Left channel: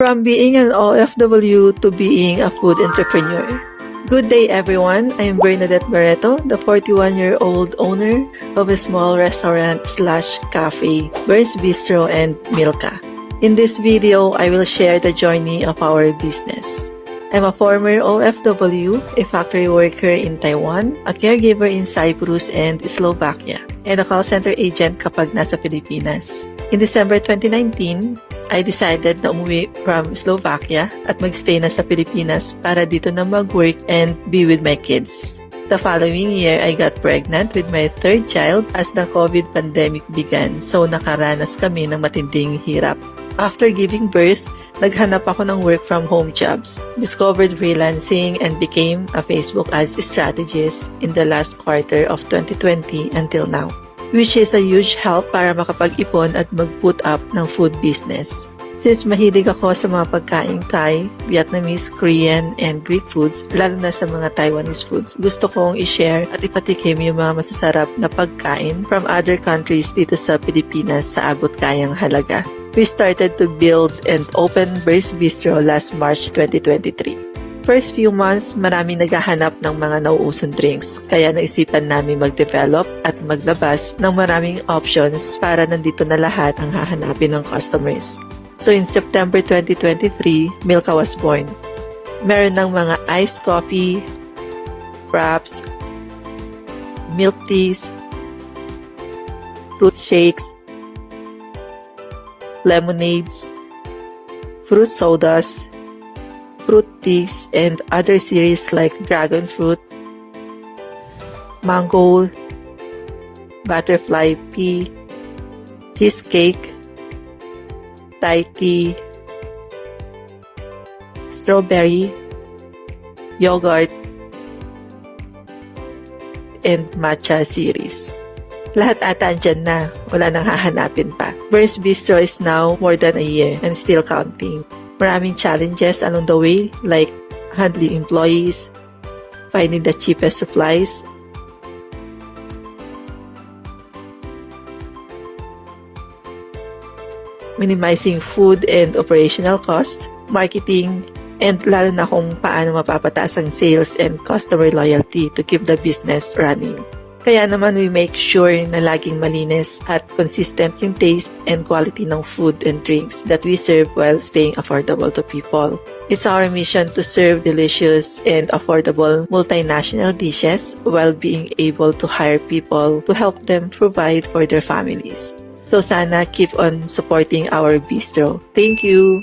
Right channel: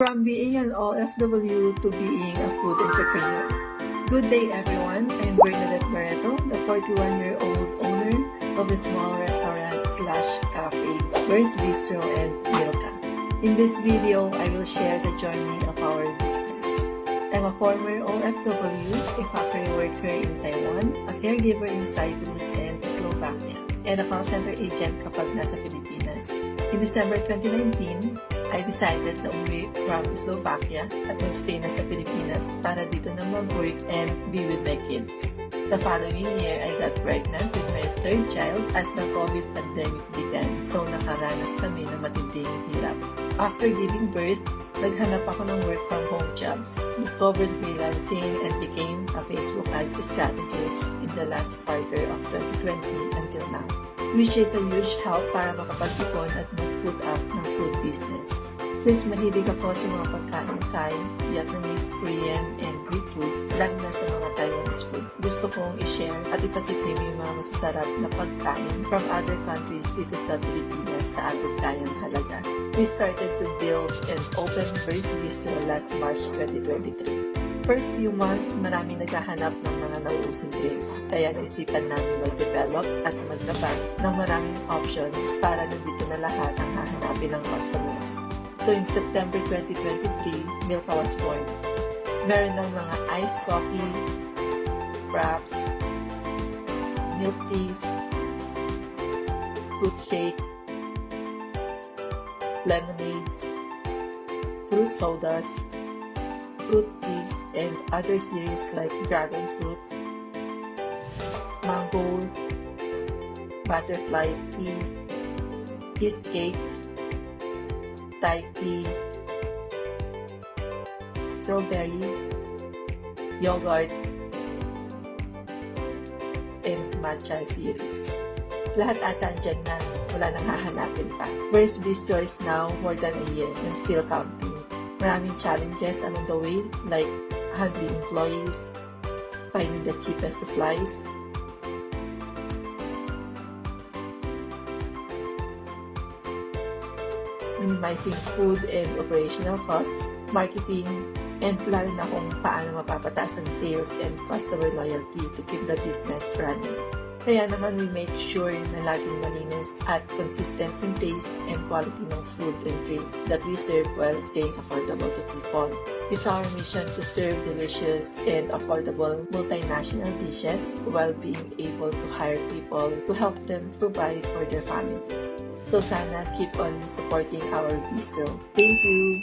From being an OFW to being a food entrepreneur. Good day everyone, I'm Bernadette Barreto, the 41-year-old owner of a small restaurant/cafe, Burns Bistro and Milka. In this video, I will share the journey of our business. I'm a former OFW, a factory worker in Taiwan, a caregiver in Cyprus and Slovakia, and a call center agent kapag nasa Pilipinas. In December 2019, I decided na umuwi from Slovakia at magstay na sa Pilipinas para dito na mag-work and be with my kids. The following year, I got pregnant with my third child as the COVID pandemic began, so nakaranas kami ng matinding hirap. After giving birth, naghanap ako ng work from home jobs, discovered freelancing, and became a Facebook ads strategist in the last quarter of 2020 until now, which is a huge help para makapag-ipon at mag-put up ng food business. Since mahilig ako sa mga pagkain Thai, Vietnamese, Korean, and Greek foods, lalo na sa mga Taiwanese foods, gusto kong i-share at ipatikim yung mga masasarap na pagkain from other countries dito sa Pilipinas sa abot kayang halaga. We started to build and open Burns Bistro last March 2023. First few months, marami naghahanap ng mga nauusong drinks, kaya naisipan namin mag-develop at maglabas ng maraming options para nandito na lahat ang hahanapin ng customers. So in September 2023, Milka was born. Meron ng mga iced coffee, fraps, milk teas, fruit shakes, lemonades, fruit sodas, fruit teas, and other series like dragon fruit, mango, butterfly pea, cheesecake, Thai tea, strawberry, yogurt, and matcha series. Lahat ata andyan na, wala nang hahanapin pa. Burns Bistro is now more than a year and still counting. Maraming challenges along the way like handling employees, finding the cheapest supplies, minimizing food and operational cost, marketing, and lalo na kung paano mapapataas ang sales and customer loyalty to keep the business running. Kaya naman we make sure na laging malinis at consistent yung taste and quality ng food and drinks that we serve while staying affordable to people. It's our mission to serve delicious and affordable multinational dishes while being able to hire people to help them provide for their families. So sana keep on supporting our bistro. Thank you!